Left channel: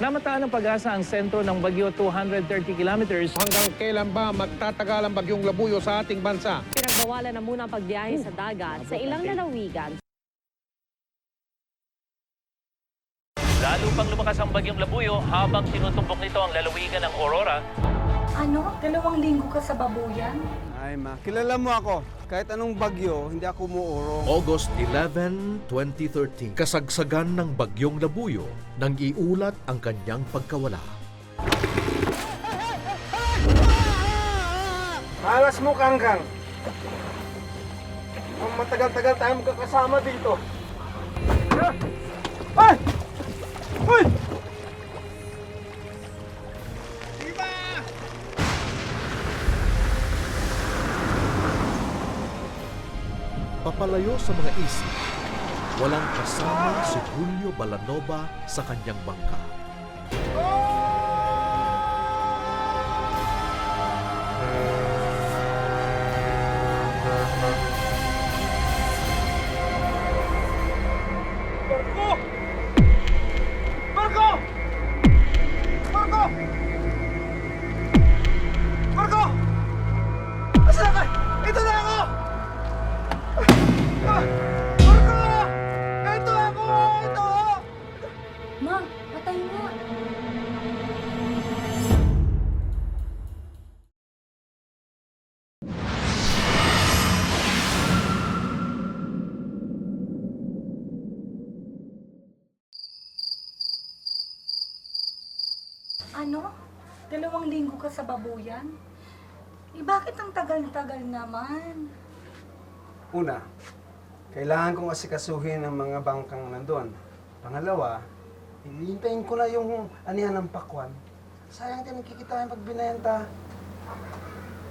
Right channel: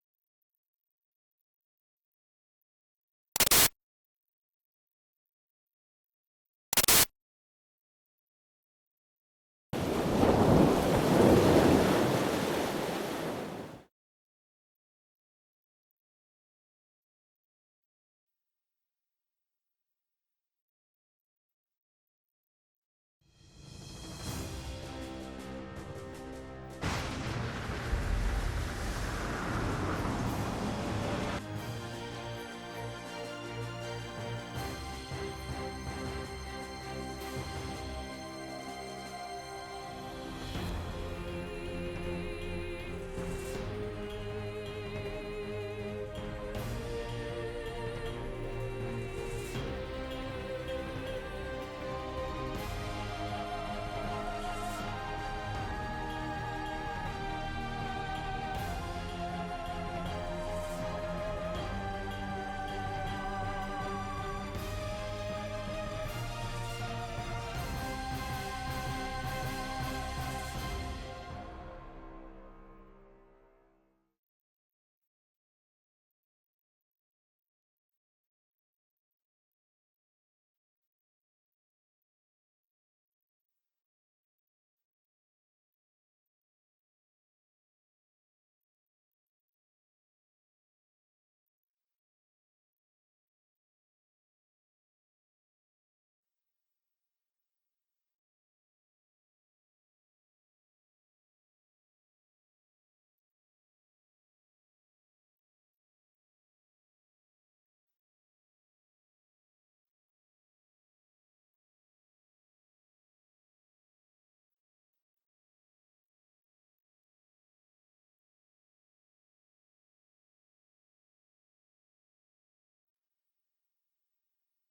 Namataan ng pag-asa ang sentro ng bagyo 230 kilometers. Hanggang kailan ba magtatagal ang bagyong Labuyo sa ating bansa? Pinagbawalan na muna ang pagbiyahe sa dagat sa ilang lalawigan. Lalo pang lumakas ang bagyong Labuyo habang tinutumbok nito ang lalawigan ng Aurora. Ano? 2 linggo ka sa babuyan? Ay ma, kilala mo ako. Kahit anong bagyo, hindi ako umuurong. August 11, 2013, kasagsagan ng bagyong Labuyo nang iulat ang kanyang pagkawala. Alas mo, Kangkang. Ang matagal-tagal tayo magkakasama dito. Ay! Uy! Papalayo sa mga isip, walang kasama si Julio Balanova sa kanyang bangka. Ma, patay nga. Ano? 2 linggo ka sa babuyan? Eh, bakit ang tagal-tagal naman? Una, kailangan kong asikasuhin ang mga bangkang nandun. Pangalawa, hihintayin ko na yung anihan ng pakwan. Sayang din nagkikitaan pag binenta.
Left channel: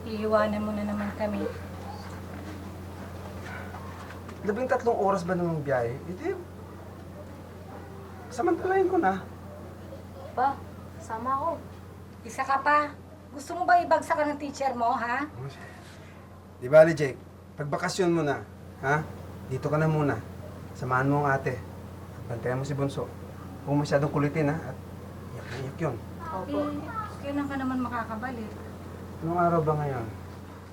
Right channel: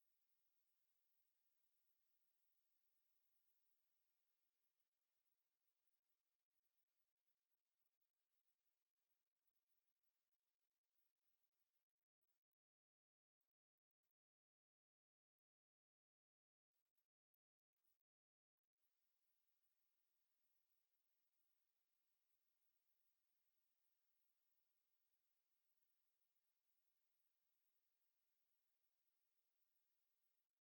Iiwanan mo na naman kami. 13 oras ba namang biyahe? Hindi. Samantalahin ko na. Pa, sama ako. Isa ka pa. Gusto mo ba ibagsak ka ng teacher mo, ha? Di bali, Jake. Pagbakasyon mo na, ha? Dito ka na muna. Samahan mo ang ate. Bantayan mo si Bunso. Huwag masyadong kulitin, ha? At iyak na iyak yun. Opo. Kailan ka naman makakabalik? Anong araw ba ngayon?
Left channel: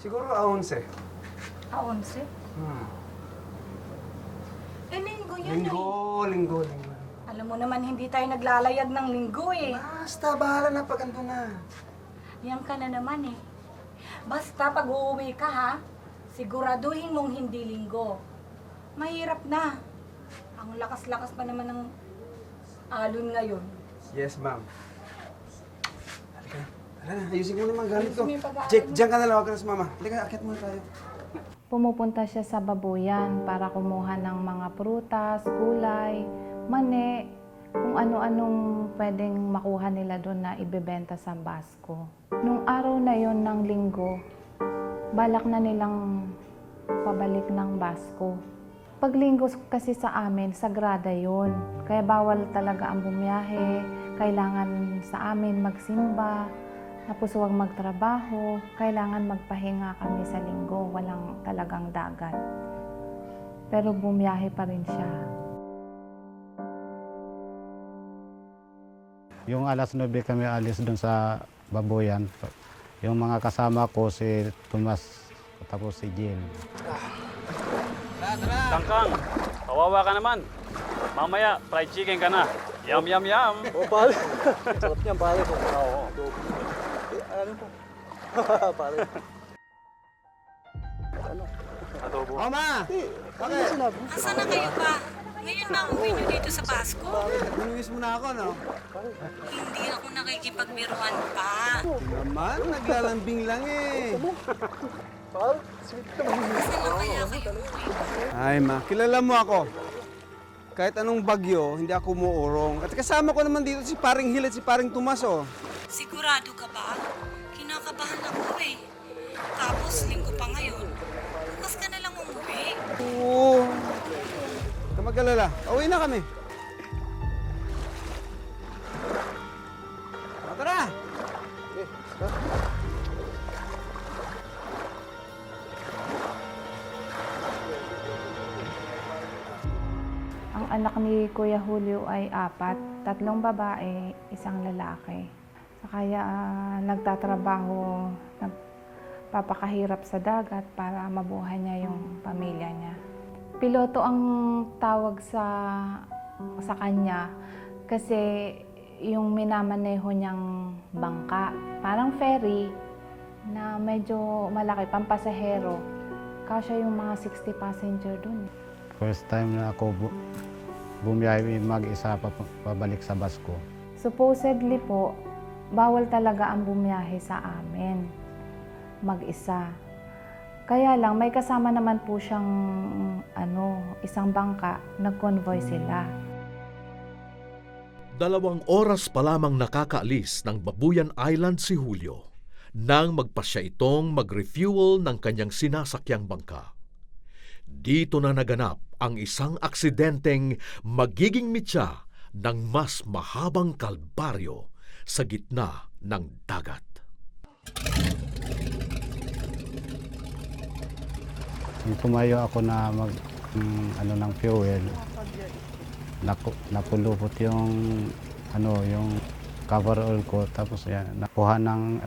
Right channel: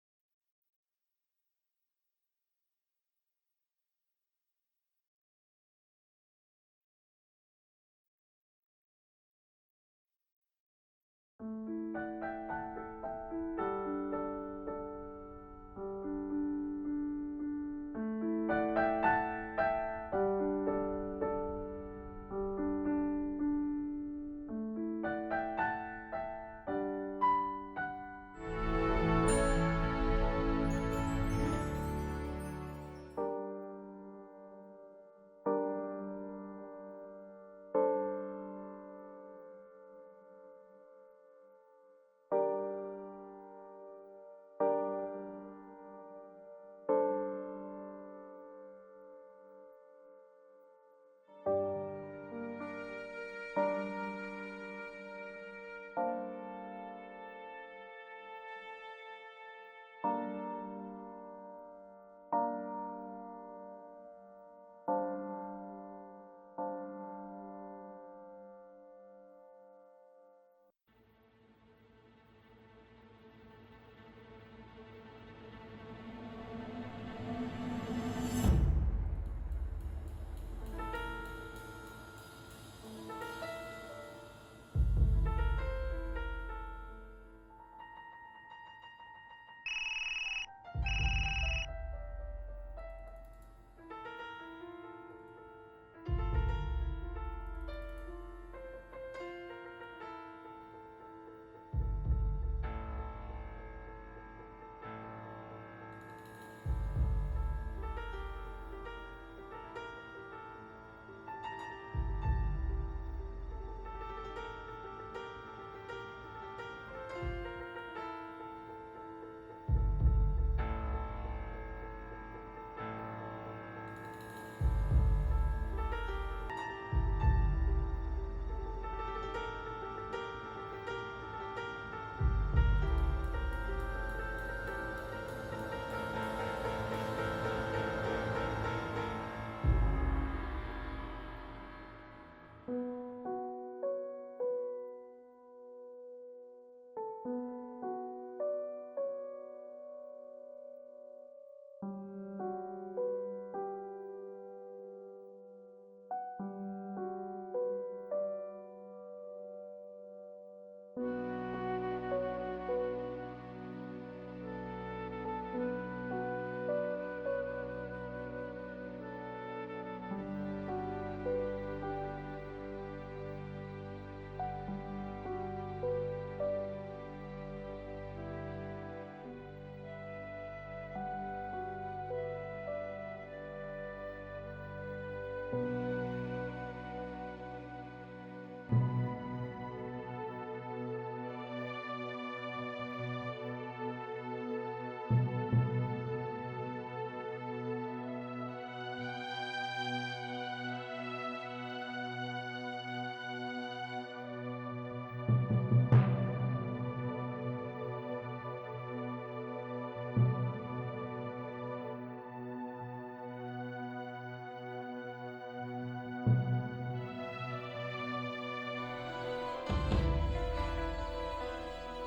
Siguro 11. 11? Linggo yun Linggo. Alam mo naman, hindi tayo naglalayag ng linggo eh. Basta, bahala na pag ando na. Yan ka na naman eh. Basta pag uuwi ka ha, siguraduhin mong hindi linggo. Mahirap na. Ang lakas-lakas pa naman ng alon ngayon. Yes, ma'am. Halika na, ayusin mo naman gamit ko. Ayusin mo yung pag-aaral. Jake, diyan ka na lang. Huwag ka na sumama. Halika, akit mo tayo. Pumupunta siya sa babuyan para kumuha ng mga prutas, gulay, mani, kung ano-anong pwedeng makuha nila doon na ibebenta sa Basco. Nung araw na yon ng linggo, balak na nilang pabalik ng Basco. Pag linggo kasi sa amin, sagrada yon. Kaya bawal talaga ang bumiyahe, kailangan sa amin magsimba, tapos huwag magtrabaho, kailangan magpahinga kami sa linggo, walang talagang dagat. Pero bumiyahe pa rin siya. Yung alas 9 kami alis doon sa babuyan. Yung mga kasama ko, si Tomas, tapos si Jim. Kangkang, kawawa ka naman. Mamaya, fried chicken ka na. Yum, yum, yum. Oh, pare. Sarap niyan, pare. Oo. Ano po? Pare. Adobo. Oh, ma! Bakit? Sinabi? Asan na kayo pa? Ngayon na uwi nyo dito sa Basco? Minuwis mo na ako, no? Hindi ako nakikipagbiruan pa. Naman, naglalambing lang eh. Pare, sweet naman. Asan na kaya kayo uwi? Ay, ma, kilala mo ako. Kahit anong bagyo, hindi ako umuurong. At kasama ko naman dito si Paring Hill at si Paring Tomas, oh. Sigurado ka ba? Kinakabahan ako eh. Tapos linggo pa ngayon. Bukas ka na lang umuwi. Oo. Huwag ka mag-alala. Uwi na kami. Tara! anak ni Kuya Julio ay 4, 3 babae, 1 lalaki. Kaya nagtatrabaho, nagpapakahirap sa dagat para mabuhay niya yung pamilya niya. Piloto ang tawag sa kanya kasi yung minamaneho niyang bangka, parang ferry na medyo malaki, pampasahero. Kasya yung mga 60 passenger dun. First time na ako bumiyahe mag-isa pabalik sa Basco. Supposedly po, bawal talaga ang bumiyahe sa amin mag-isa. Kaya lang, may kasama naman po siyang isang bangka, nag-convoy sila. 2 oras pa lamang nakakaalis ng Babuyan Island si Julio nang magpasya itong mag-refuel ng kanyang sinasakyang bangka. Dito na naganap ang isang aksidenteng magiging mitya ng mas mahabang kalbaryo sa gitna ng dagat. Nung tumayo ako na ng fuel, napulupot yung yung cover oil ko, tapos nakuha ng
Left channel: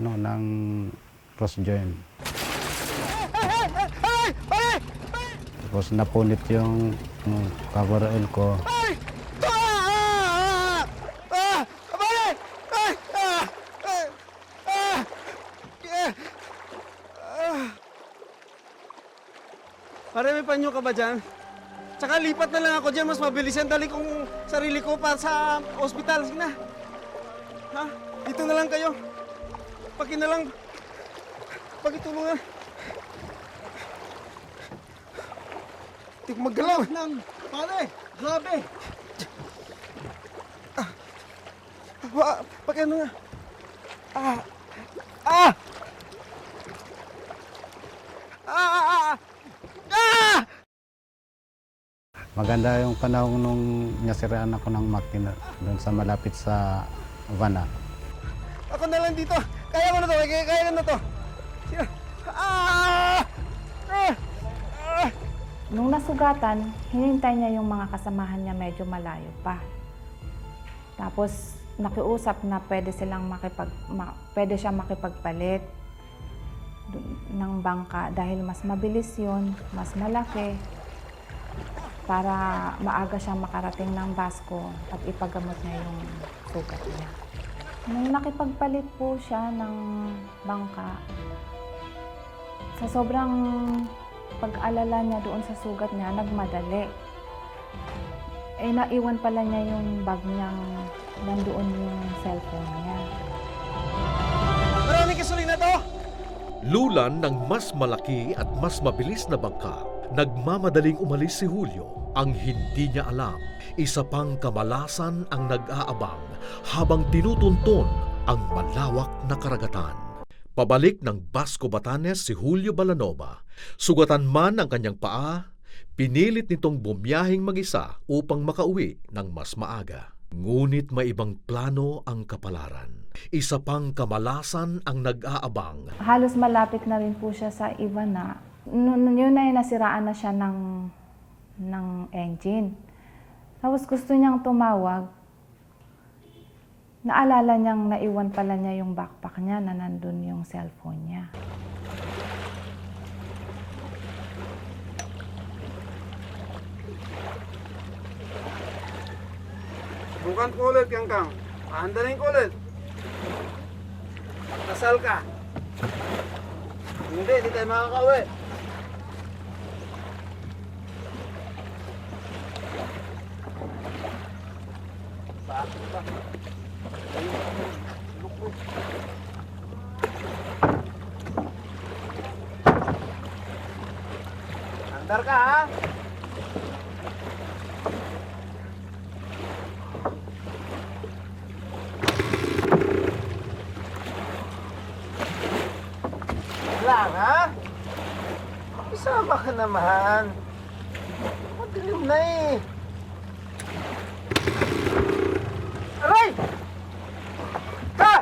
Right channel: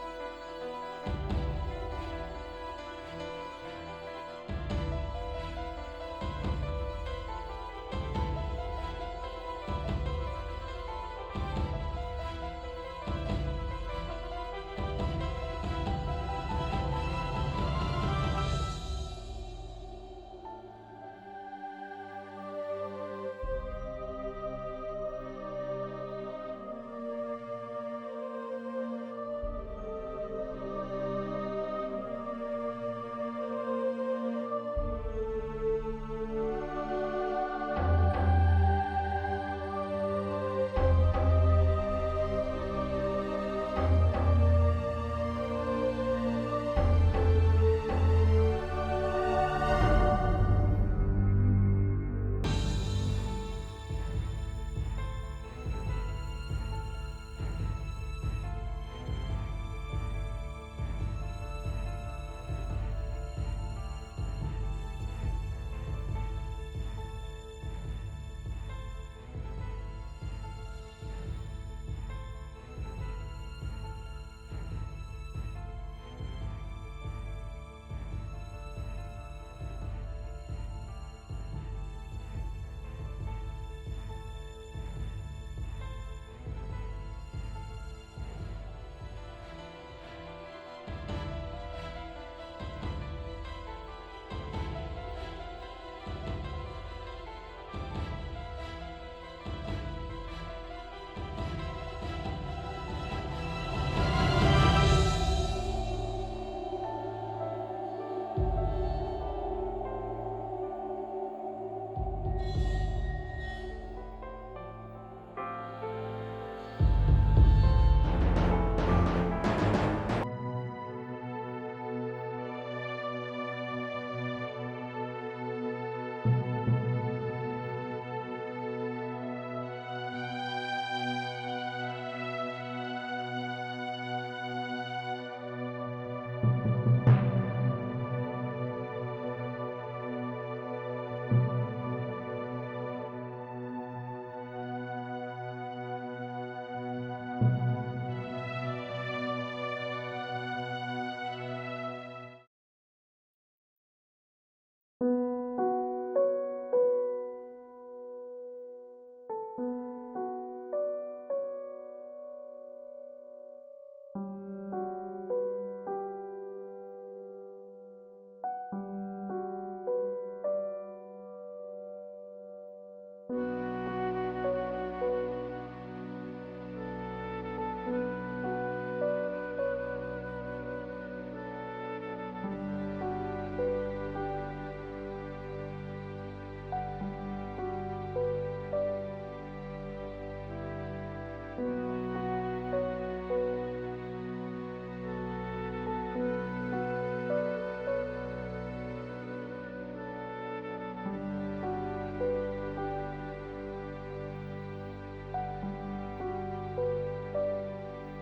cross joint. Tapos napunit yung cover oil ko. Pare, may panyo ka ba dyan? Tsaka lipat na lang ako dyan, mas mabilis yan. Dali kong sarili ko pa sa ospital. Sige na. Ha? Dito na lang kayo. Paki na lang. Pagitulungan. Hindi ko maggalaw. Pare, grabe. Paki ano na. Maganda yung panahon nung nasiraan ako ng makina doon sa malapit sa Vana. Ako na lang dito. Kaya ko na to. Kaya ko na to. Sige. Nung nasugatan, hinintay niya yung mga kasamahan niya medyo malayo pa. Tapos nakiusap na pwede siya makipagpalit ng bangka dahil mas mabilis yun, mas malaki, para maaga siyang makarating ng Basco at ipagamot niya yung sugat niya. Nung nakipagpalit po siya ng bangka, sa sobrang pag-alala niya doon sa sugat niya, nagmadali. Naiwan pala niya yung bag niyang nandoon yung cellphone niya. Maraming gasolina to! Lulan ng mas malaki at mas mabilis na bangka, nagmamadaling umalis si Julio. Ang hindi niya alam, isa pang kamalasan ang nag-aabang habang tinutunton ang malawak na karagatan. Pabalik ng Basco, Batanes si Julio Balanova. Sugatan man ang kanyang paa, pinilit nitong bumiyahing mag-isa upang makauwi ng mas maaga. Ngunit may ibang plano ang kapalaran. Isa pang kamalasan ang nag-aabang. Halos malapit na rin po siya sa Ivana. Yun na nasiraan na siya ng engine. Tapos gusto niyang tumawag. Naalala niyang naiwan pala niya yung backpack niya na nandun yung cellphone niya. Bukan ko ulit, Kangkang. Pahandalin ko ulit. Kasal ka. Hindi tayo makakauwi. Andar ka, ha? Lang, ha? Isama ka naman. Madilim na eh. Aray! Ha!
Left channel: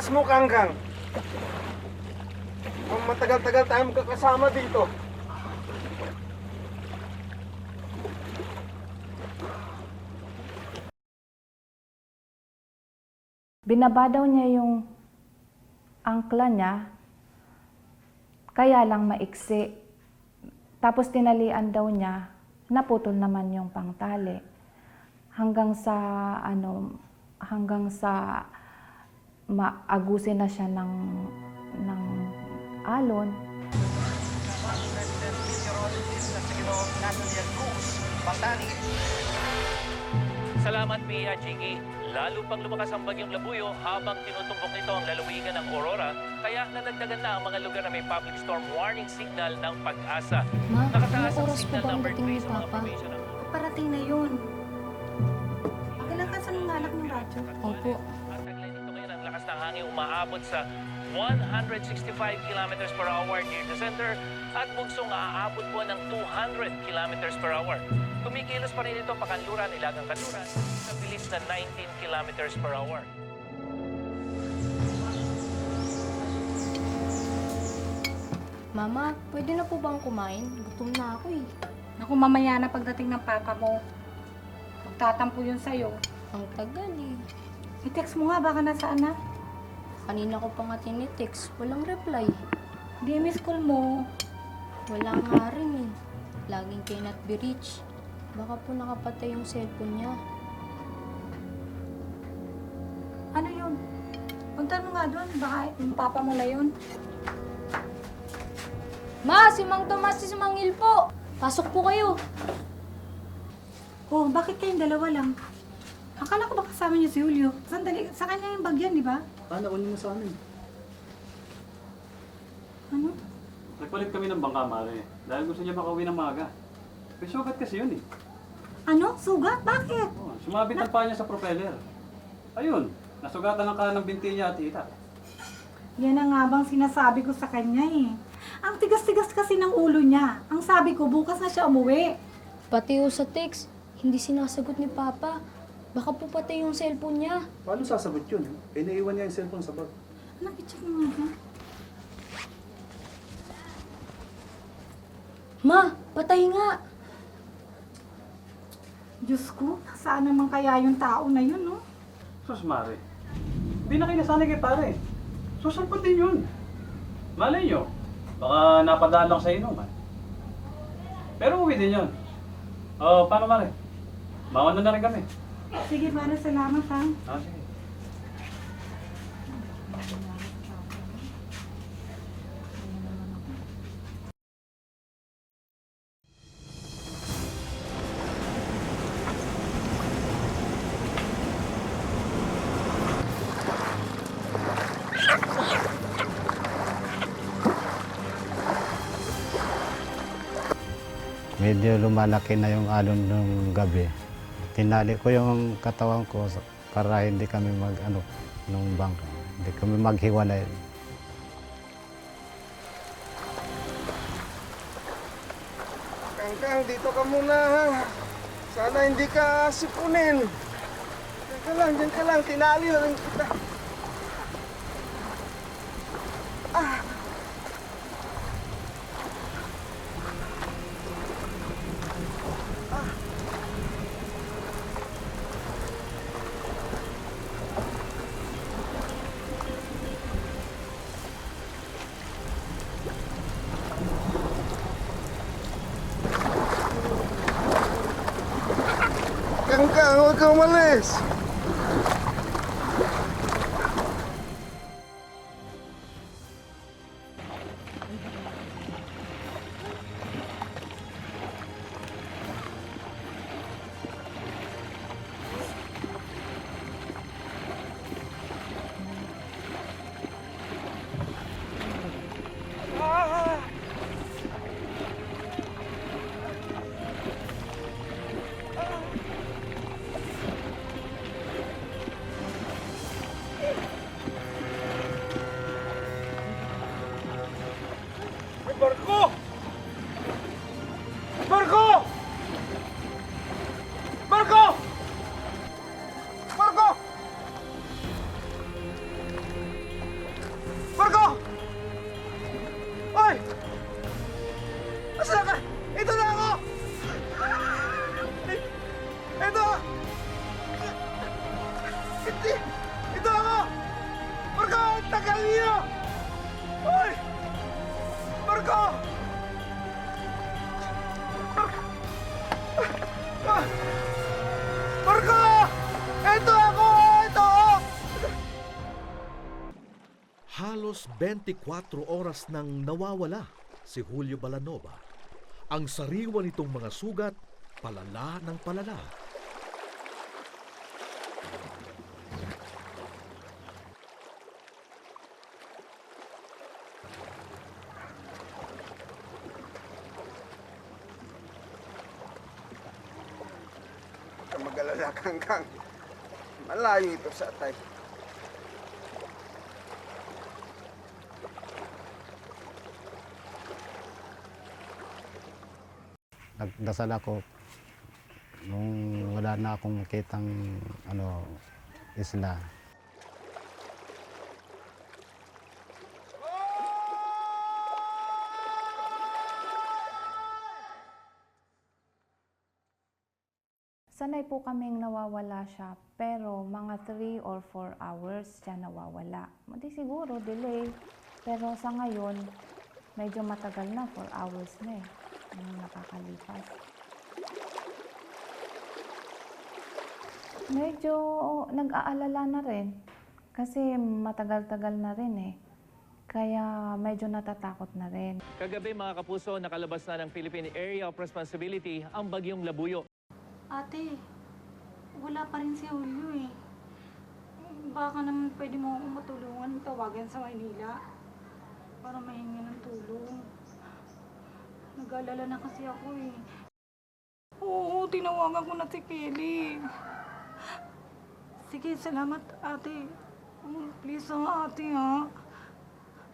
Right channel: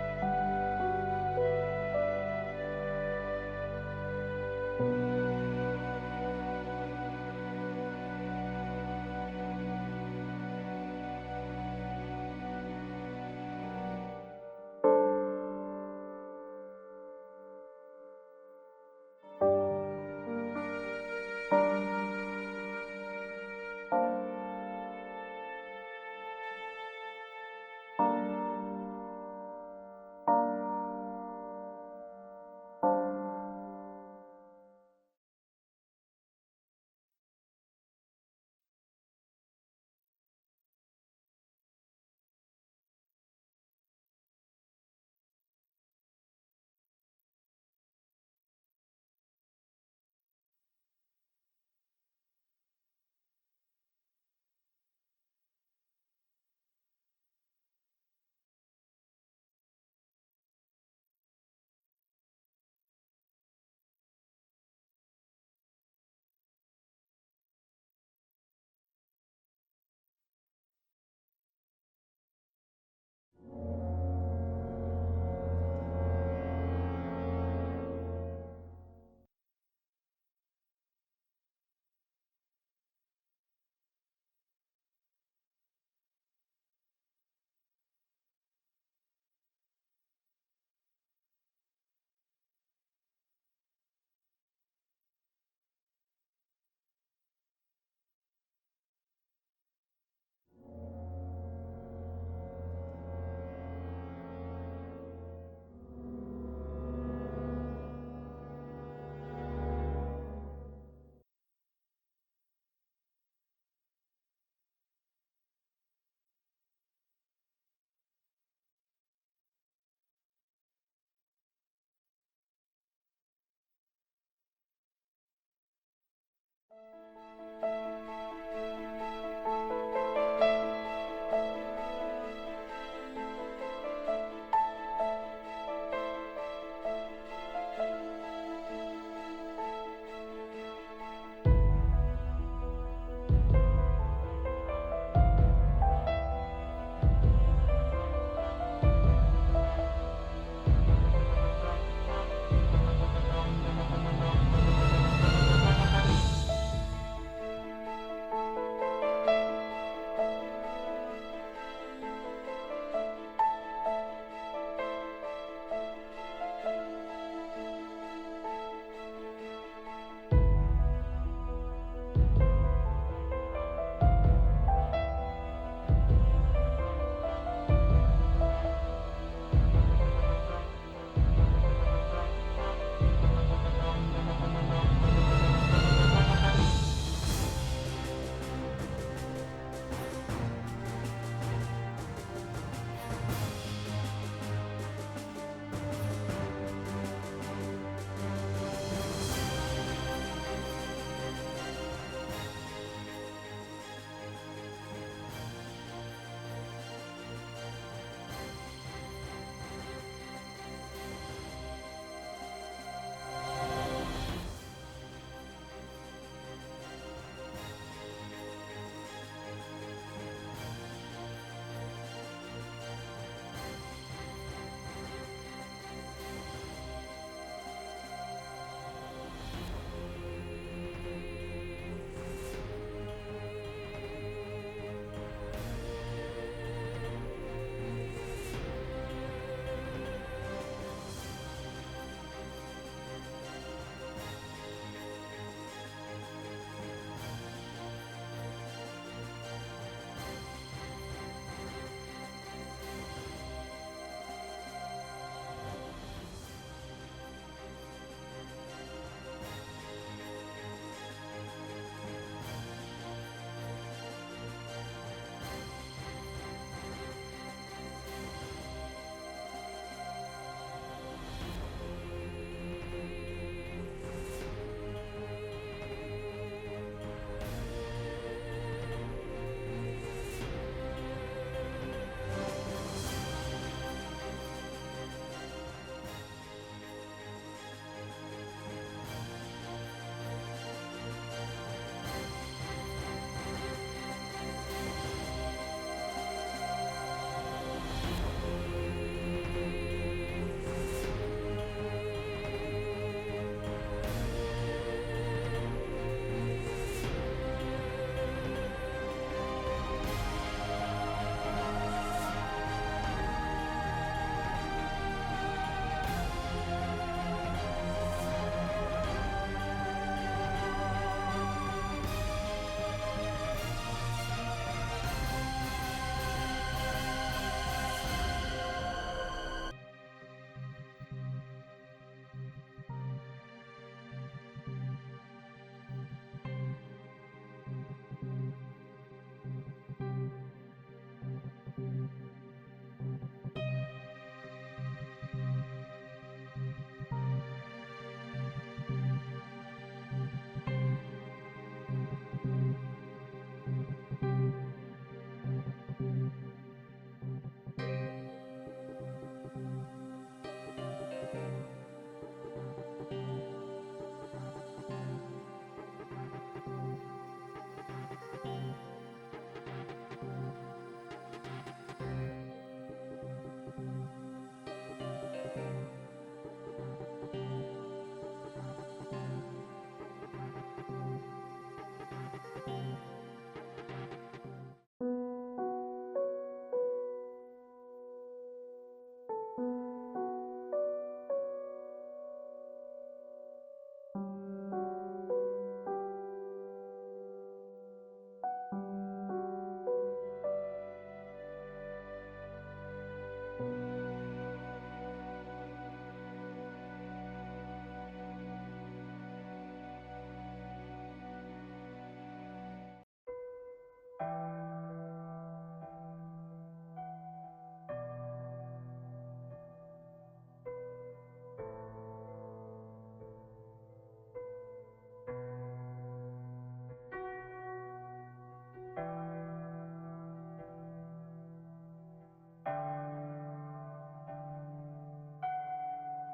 oras mo, Kangkang. Ang matagal-tagal tayo magkakasama dito. Binaba daw niya yung angkla niya, kaya lang maiksi. Tapos tinalian daw niya, naputol naman yung pangtali. Hanggang sa maagusin na siya ng alon. Salamat, Pia Jiggy. Lalo pang lumakas ang bagyong Labuyo habang tinutumbok nito ang lalawigan ng Aurora, kaya nadagdagan na ang mga lugar na may public storm warning signal ng Pag-asa. Ma, Nakataas anong ang oras po signal ba ang number dating 3 ni sa mga Papa? formation ng Parating na yun. Kalakasan ng anak ng radyo. Opo. At taglay nito ngayon ang lakas ng hangin umaabot sa 165 kilometers per hour near the center at bugsong aabot po ng 200 kilometers per hour. Kumikilos pa rin ito pakanluran, ilagang kanluran sa bilis na 19 kilometers per hour. Mama, pwede na po bang kumain? Gutom na ako eh. Naku, mamaya na pagdating ng papa mo. Magtatampo yun sa'yo. Ang tagal eh. I-text mo nga, baka nasaan na. Kanina ko pa nga tinitext. Walang reply. Di miss call mo. Wala nga rin eh. Laging cannot be reached. Baka po nakapatay yung cellphone niya. Ano yun? Punta mo nga doon, baka yung papa mo na yun. Ma, si Mang Tomas, si Mang Il po. Pasok po kayo. Oh, bakit kayong dalawa lang? Akala ko ba kasama niyo si Julio? Sandali, sa kanya yung bag yan, di ba? Paano kunin mo sa amin? Ano? Nagpalit kami ng bangka, Mare. Dahil gusto niya makauwi ng maaga. May sugat kasi yun eh. Ano? Sugat? Bakit? Sumabit ang paa niya sa propeller. Ayun, nasugatan ang kanang binti niya at tita. Yan ang nga bang sinasabi ko sa kanya eh. Ang tigas-tigas kasi ng ulo niya. Ang sabi ko, bukas na siya umuwi. Pati yung sa text, hindi sinasagot ni Papa. Baka po pati yung cellphone niya. Paano sasagot yun? Iniiwan niya yung cellphone sa bag. Nakitsak mo nga. Ma, patay nga. Diyos ko, saan naman kaya yung tao na yun, no? Sus, Mare. Hindi na kinasanay kay pare. Susampot din yun. Malay nyo, baka napadaan lang sa inuman. Pero uwi din yun. Oh, paano, Mare? Mawan na rin kami. Sige, para salamat ha. Ha? Medyo lumalaki na yung alon ng gabi. Tinali ko yung katawan ko para hindi kami nung bangka. Hindi kami maghiwalay. Kangkang, dito ka muna ha. Sana hindi ka sipunin. Diyan ka lang, tinali na lang kita. Kangkang, huwag ka umalis. 24 oras nang nawawala si Julio Balanova. Ang sariwa nitong mga sugat, palala ng palala. Huwag kang mag-alala, Kangkang. Malayo ito sa atay. Nagdasal ako nung wala na akong kitang isla. Sanay po kaming nawawala siya, pero mga 3 or 4 hours siya nawawala. Hindi siguro, delay. Pero sa ngayon, medyo matagal na, 4 hours na yung nakakalipas. Medyo nag-aalala na rin, kasi matagal-tagal na rin Kaya medyo natatakot na rin. Kagabi mga kapuso, nakalabas na ng Philippine Area of Responsibility ang bagyong Labuyo. Ate, wala pa rin si Julio eh. Baka naman pwede mo akong matulungan, tawagan sa Maynila para mahingi ng tulong. Nag-alala na kasi ako eh. Oo, tinawagan ko na si Kelly. Sige, salamat ate. Please ate ha.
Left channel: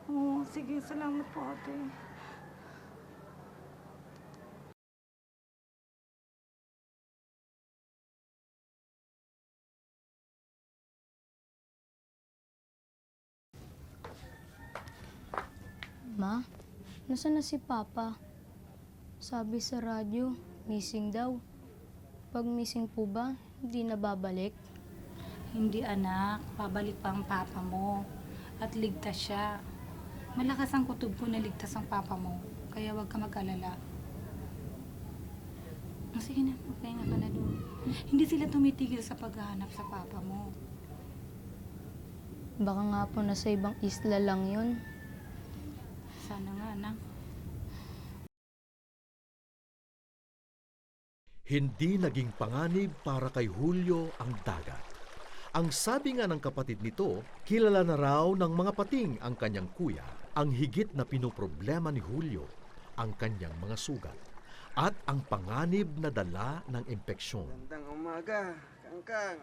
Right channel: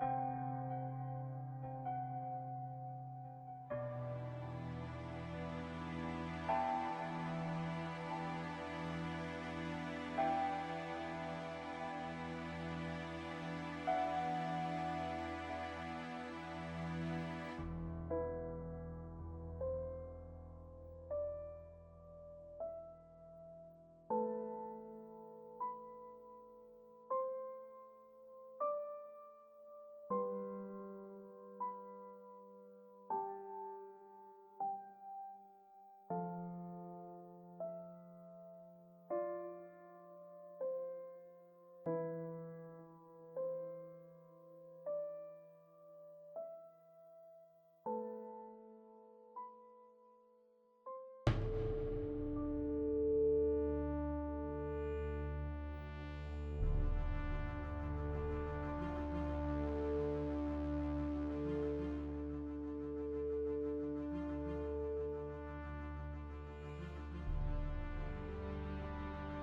Oo, sige, salamat po ate. Ma, nasaan na si Papa? Sabi sa radyo, missing daw. Pag missing po ba, hindi na babalik? Hindi anak, pabalik pa ang papa mo. At ligtas siya. Malakas ang kutob ko na ligtas ang papa mo. Kaya huwag ka mag-alala. Sige na, magpahinga ka na doon. Hindi sila tumitigil sa paghahanap sa papa mo. Baka nga po nasa ibang isla lang yun. Sana nga, anak. Hindi naging panganib para kay Julio ang dagat. Ang sabi nga ng kapatid nito, kilala na raw ng mga pating ang kanyang kuya. Ang higit na pinoproblema ni Julio, ang kanyang mga sugat at ang panganib na dala ng impeksyon. Magandang umaga, Kangkang.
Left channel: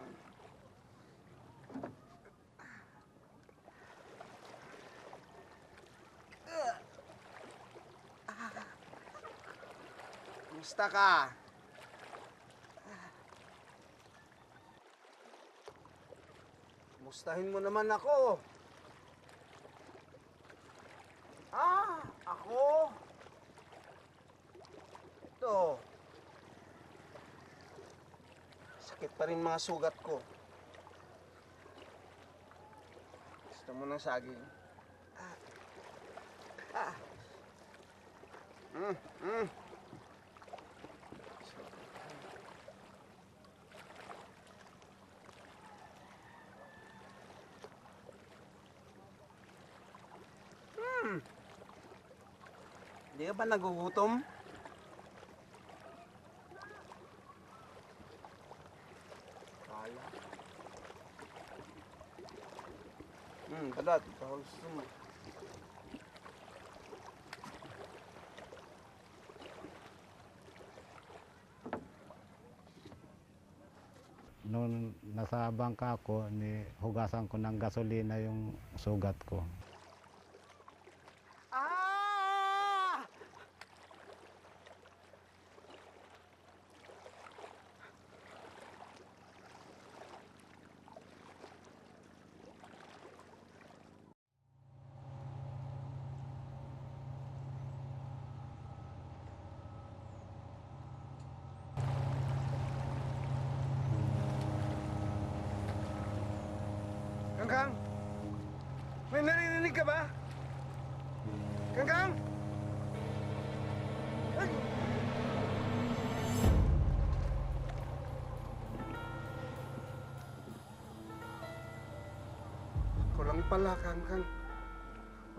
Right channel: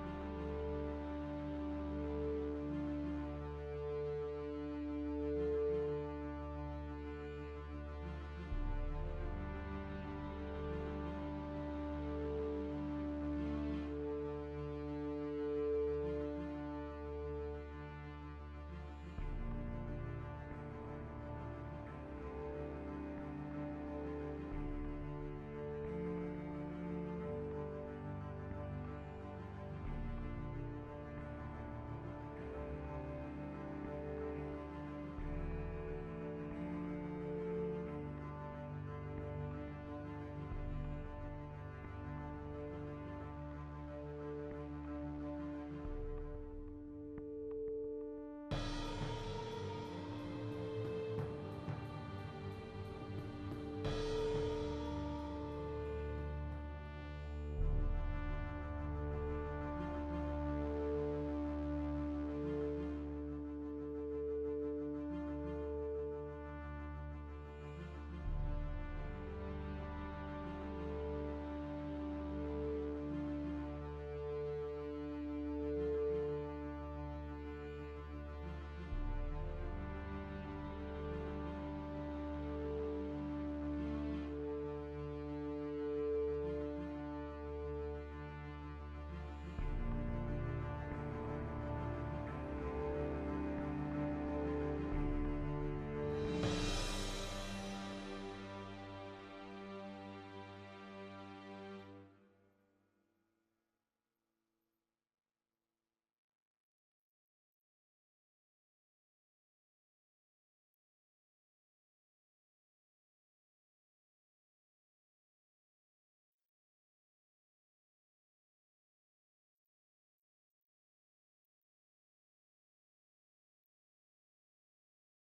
Kumusta ka? Kumustahin mo naman ako. Ako? Ito. Sakit pa rin mga sugat ko. Gusto mo ng saging? Hindi ka ba nagugutom? Kadat. Baka gusto mo. Noon nasa bangka ako, hugasan ko ng gasolina yung sugat ko. Kangkang? May naririnig ka ba? Kangkang? Ay! Ako lang pala, Kangkang. Ako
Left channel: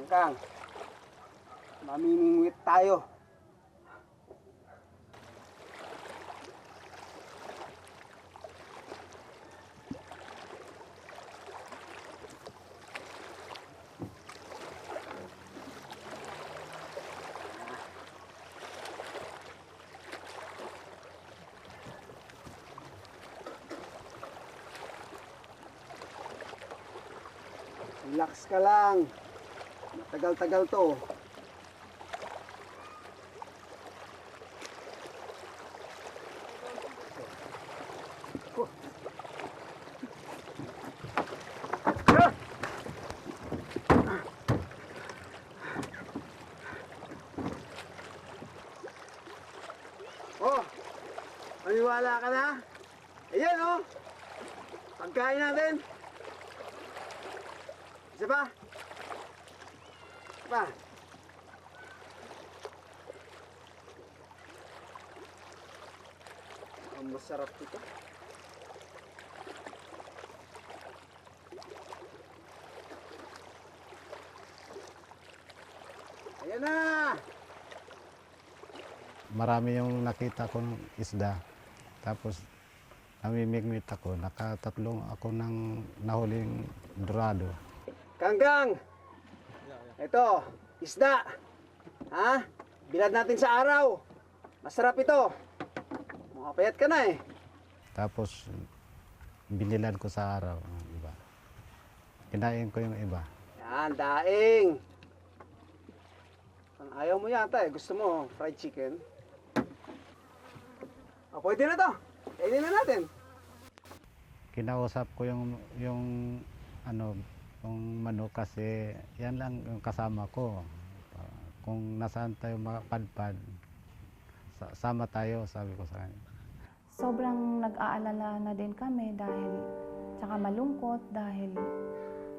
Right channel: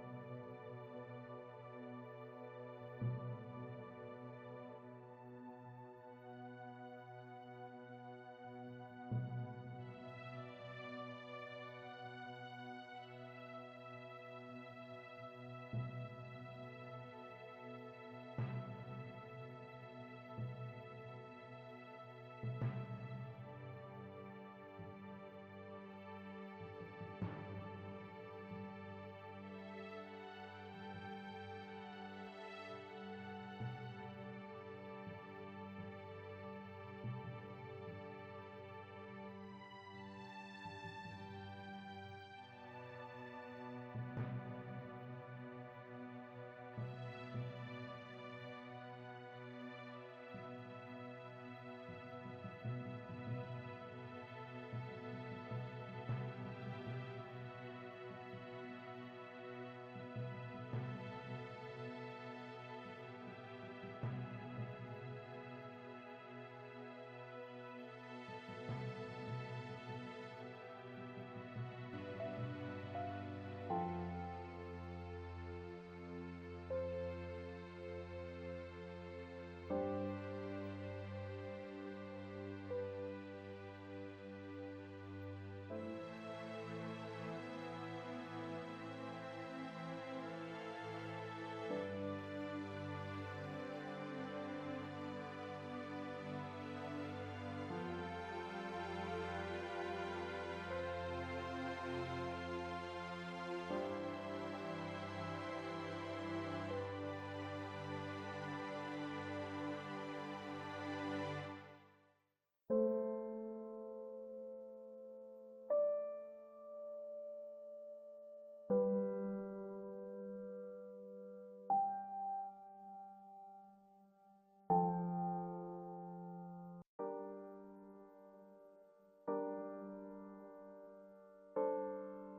Kangkang, mamimingwit tayo. Relax ka lang. Tagal-tagal to. Oh, maniwala ka na? Ayan oh, pagkain natin. Isa pa? Isa pa? Ang masarap ito. Ayan na! Marami yung nakita kong isda. Tapos namimigmit ako. Nakatatlong ako ng nahuling dorado. Kangkang! Ito, isda. Ha? Bilad natin sa araw. Masarap ito. Makapayat ka na eh. Tapos binilan ko sa araw. Kinain ko yung iba. Yan, daing. Ayaw mo yata eh. Gusto mo fried chicken? Pwede na to. Kainin na natin. Kinausap ko yung ano, yung manok kasi yan lang yung kasama ko. Kung nasaan tayo mapadpad, sama tayo, sabi ko sa kanya. Sobrang nag-aalala na din kami dahil, tsaka malungkot dahil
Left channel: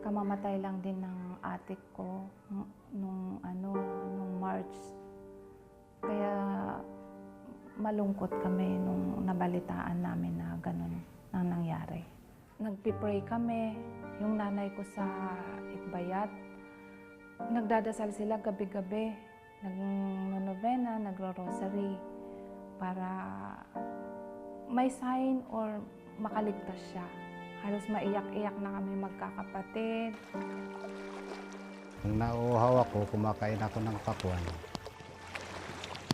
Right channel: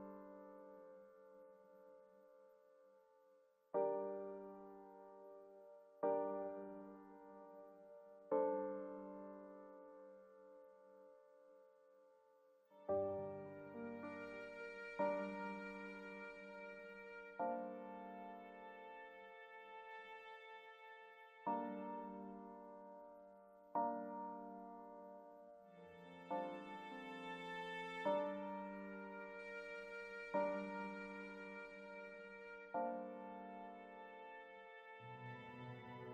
kamamatay lang din ng atik ko nung March. Kaya malungkot kami nung nabalitaan namin na ganun ang nangyari. Nagpipray kami, yung nanay ko sa Itbayat. Nagdadasal sila gabi-gabi, nag-novena, nagro-rosary para may sign or makaligtas siya. Halos maiyak-iyak na kami magkakapatid. Kung nauuhaw ako, kumakain ako ng pakwan.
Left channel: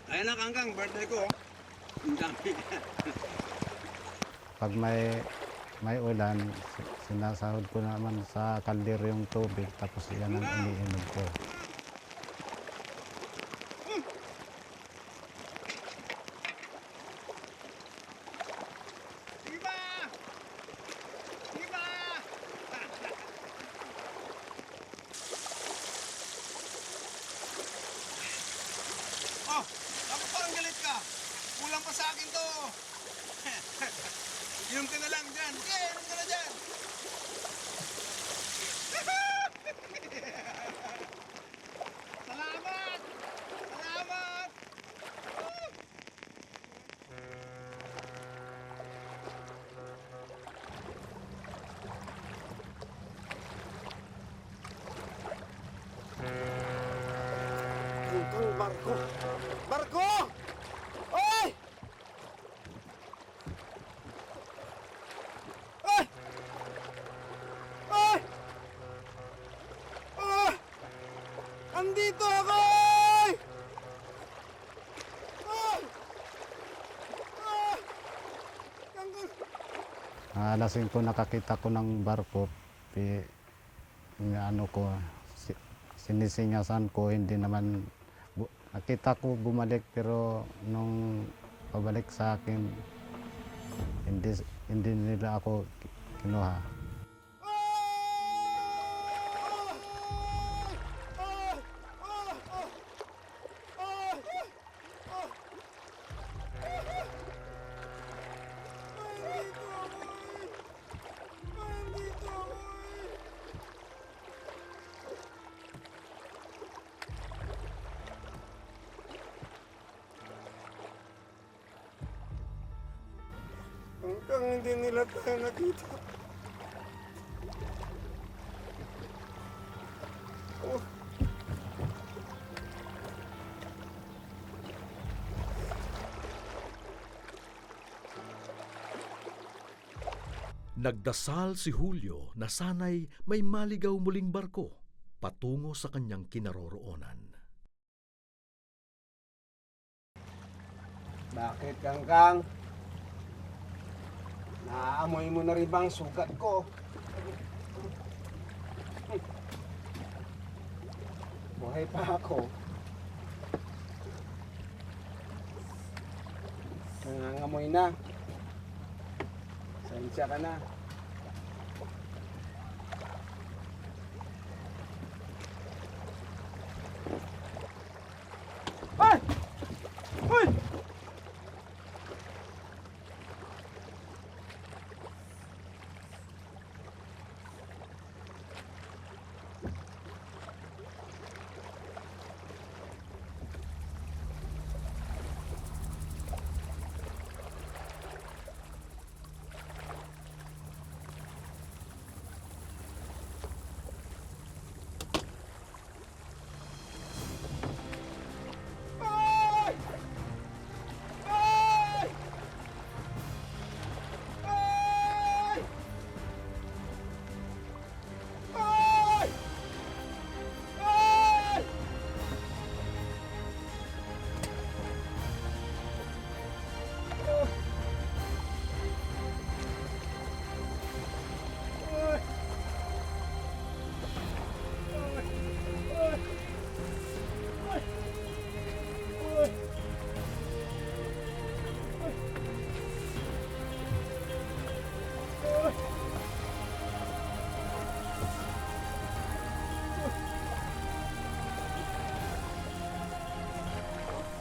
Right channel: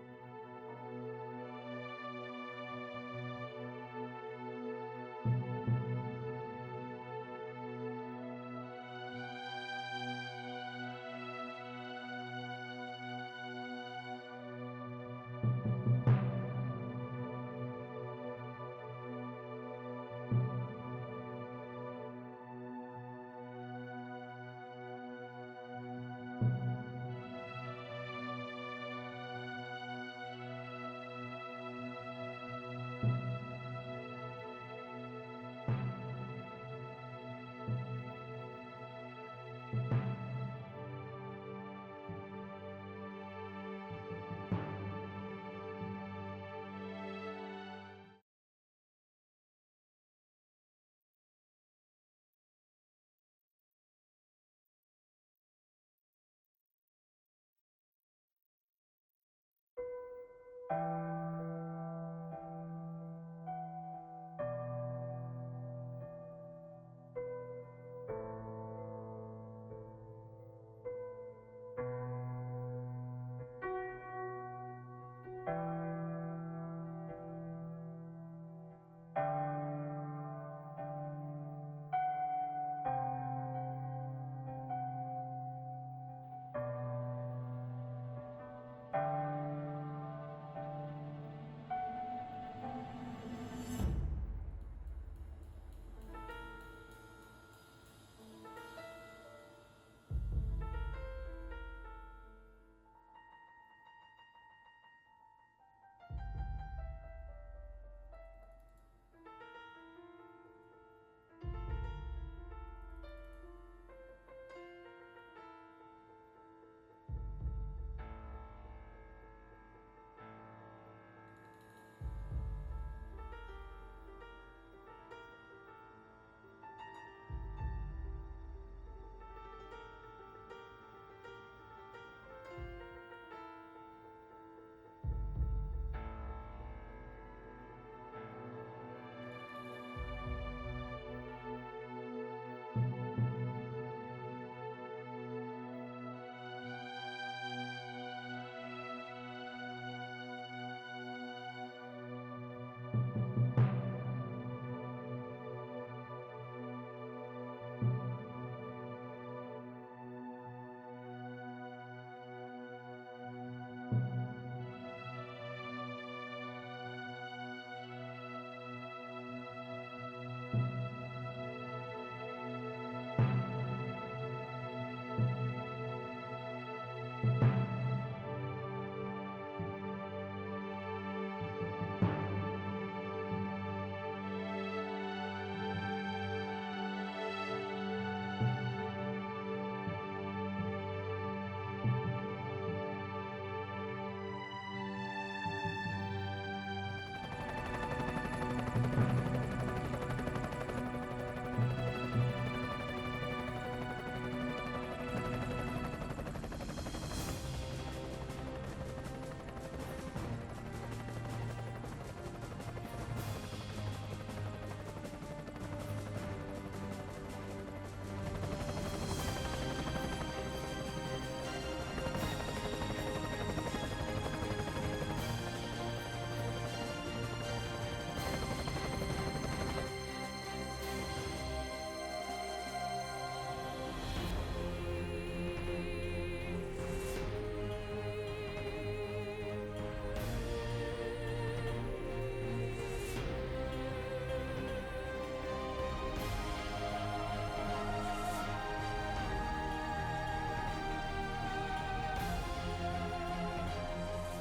Ayan na, Kangkang. Birthday ko. Ang dami. Pag may ulan, sinasahod ko naman sa kaldero yung tubig, tapos yan ang iniinom ko. Oh, ako parang galit ka. Kulang mo sa akin to. Inom ka na lang dyan. Inom ka na dyan. Salamat! Salamat! Yung barko! Barko! Oy! Ay! Ay! Ah! Andito ako! Ay! Ah! Ah! Alas 5 nakakita ko ng barko, sinisingasan ko, hindi naman, nakita ko bumalik pero nung pabalik sa akin, hindi nila ako kinuha. Hanggang hindi nila tayo nakita. Oh. Nagdasal si Julio na sana'y may maligaw muling barko patungo sa kanyang kinaroroonan. Bakit, Kangkang? Naaamoy mo na rin bang sugat ko? Buhay pa ako. Nangangamoy na. Sensya ka na. Ay! Ay!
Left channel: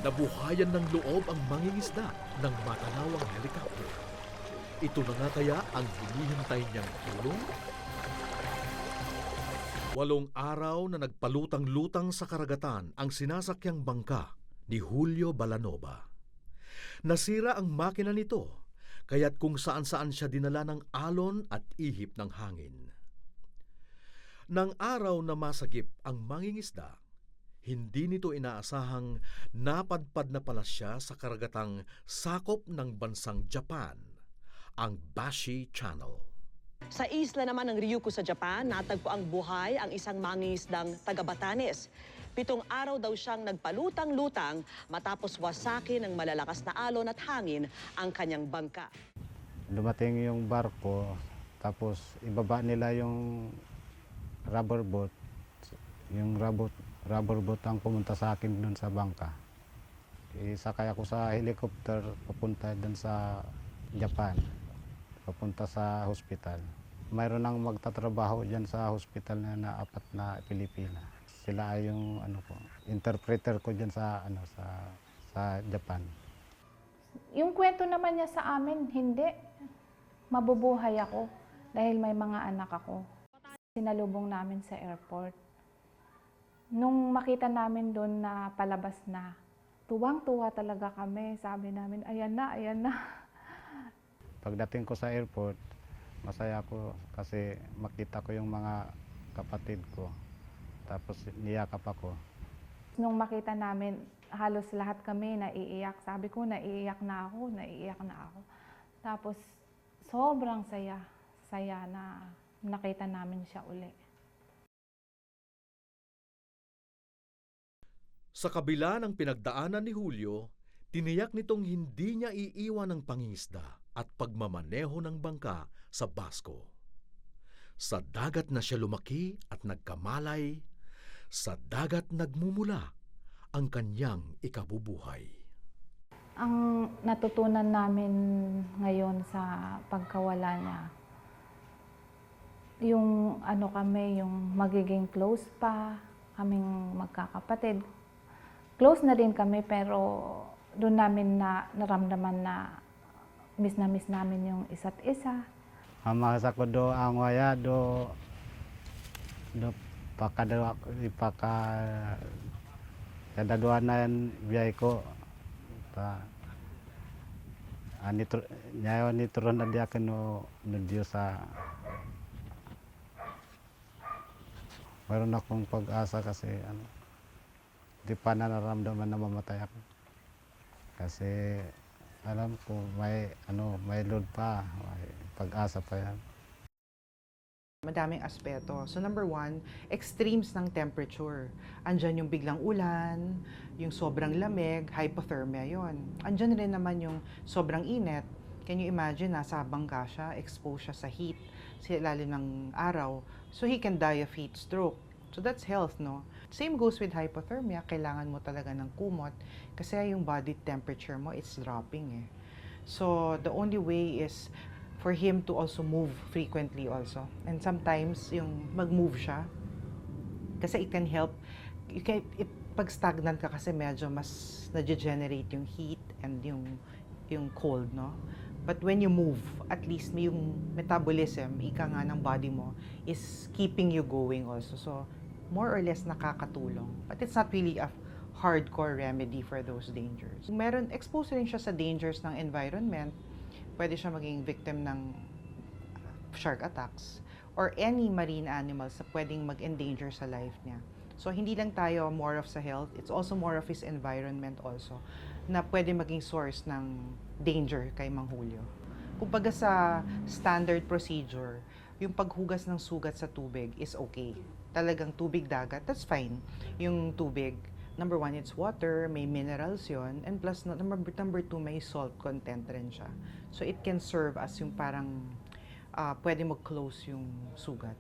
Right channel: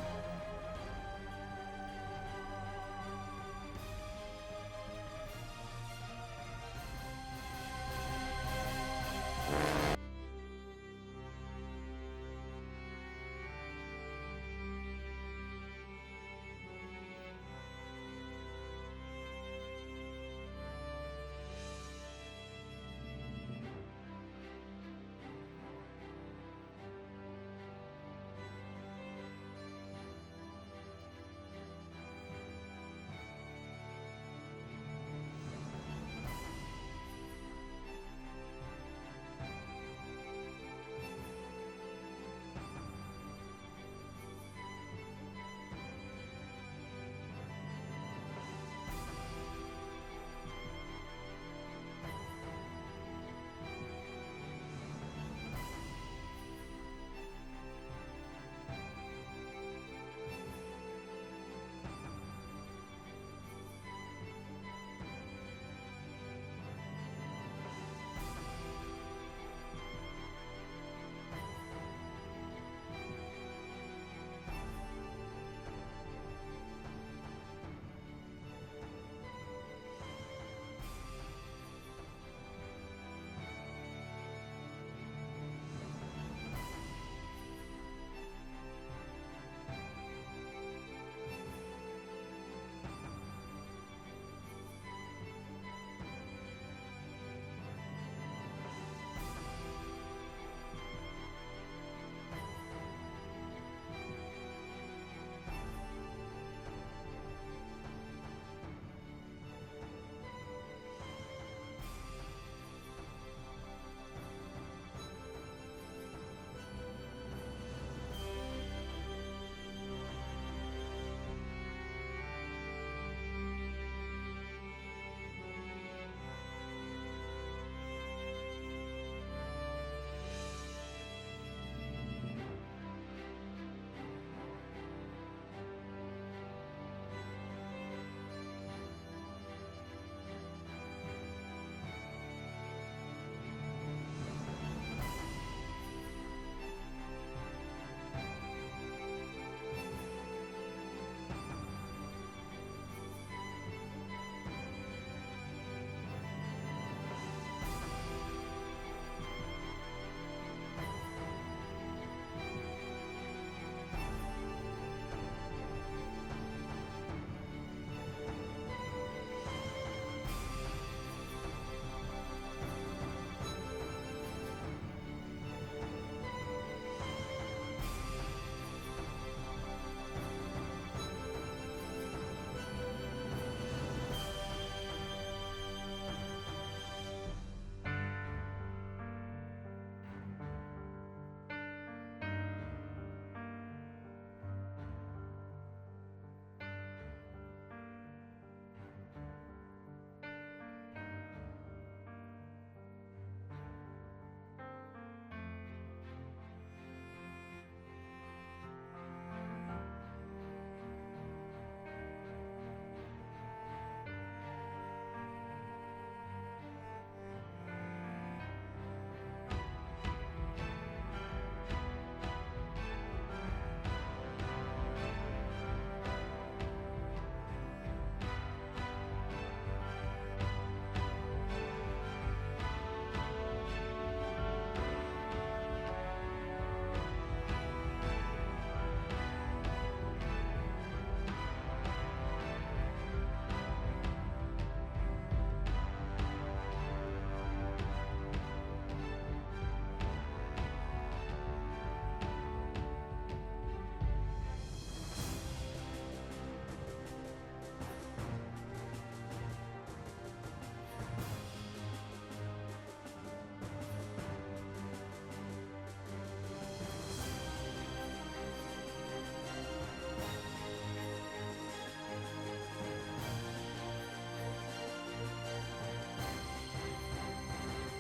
Nabuhayan ng loob ang mangingisda ng matanawang helikopter. Ito na nga kaya ang hinihintay niyang tulong? 8 araw na nagpalutang-lutang sa karagatan ang sinasakyang bangka ni Julio Balanova. Nasira ang makina nito, kaya't kung saan-saan siya dinala ng alon at ihip ng hangin. Nang araw na masagip ang mangingisda, hindi nito inaasahang napadpad na pala siya sa karagatang sakop ng bansang Japan, ang Bashi Channel. Sa isla naman ng Ryukyu sa Japan, natagpo ang buhay ang isang mangingisdang taga Batanes. 7 araw daw siyang nagpalutang-lutang matapos wasakin ng malalakas na alon at hangin ang kanyang bangka. Dumating yung barko, tapos ibaba nila yung rubber boat. Yung rubber boat ang pumunta sa akin dun sa bangka. Isakay ako sa helicopter papunta dun sa Japan, papunta sa hospital. Mayroon nang magtatrabaho dyan sa hospital na 4 na Pilipino. Sila ay yung interpreter ko dyan sa Japan. Yung kwento naman niya sa amin, hindi. Mabubuhay ako dahil may mga anak ako. Sinalubong namin sa airport. Nung makita namin doon na palabas na, tuwang-tuwa talaga kami. Sabi namin, ayan na, ayan na. Pagdating ko sa airport, masaya ako kasi makita ko yung mga kapatid ko. Tapos niyakap ako. Nung makita namin, halos lahat kami naiiyak. Sabi ko, naiiyak na ako, naiiyak na ako. Tapos sobrang saya na nakita namin siya ulit. Sa kabila ng pinagdaanan ni Julio, tiniyak nitong hindi niya iiwan ang pangingisda at pagmamaneho ng bangka sa Basco. Sa dagat na siya lumaki at nagkamalay, sa dagat nagmumula ang kanyang ikabubuhay. Ang natutunan namin ngayon sa pagkawala niya, yung kami, yung magiging close pa, kaming magkakapatid. Close na din kami pero doon namin na naramdaman na miss namin yung isa't isa. Mamasa ko do ang waya do kadadua na yan biyay ko. Nyayo nitro na diya kano medyo sa meron akong pag-asa kasi di pa na naramdaman na mamatay ako. Kasi alam ko may load pa. pag-asa pa yan. Madaming aspeto. So number one, extremes ng temperature. Andyan yung biglang ulan, yung sobrang lamig, hypothermia yon. Andyan rin naman yung sobrang init. Can you imagine, nasa bangka siya, exposed siya sa heat, sa ilalim ng araw. So he can die of heat stroke. So that's health, no? Same goes with hypothermia. Kailangan mo talaga ng kumot kasi yung body temperature mo, it's dropping eh. So the only way is for him to also move frequently also. And sometimes, yung mag-move siya, kasi it can help, pag stagnant ka kasi medyo mas na-generate yung heat and yung cold, no? But when you move, at least yung metabolism, ika nga ng body mo, is keeping you going also. So, more or less nakakatulong. But it's not really a hardcore remedy for those dangers. So, exposed rin siya sa dangers ng environment. Pwede siya maging victim ng shark attacks or any marine animals na pwedeng mag-endanger sa life niya. So, hindi lang tayo more of sa health, it's also more of his environment also na pwede maging source ng danger kay mahuli. Kumbaga sa standard procedure, yung paghugas ng sugat sa tubig is okay. Talagang tubig dagat, that's fine. Yung tubig, number one, it's water, may minerals yun, and plus, number two, may salt content rin siya. So it can serve as yung parang pwede mo close yung sugat.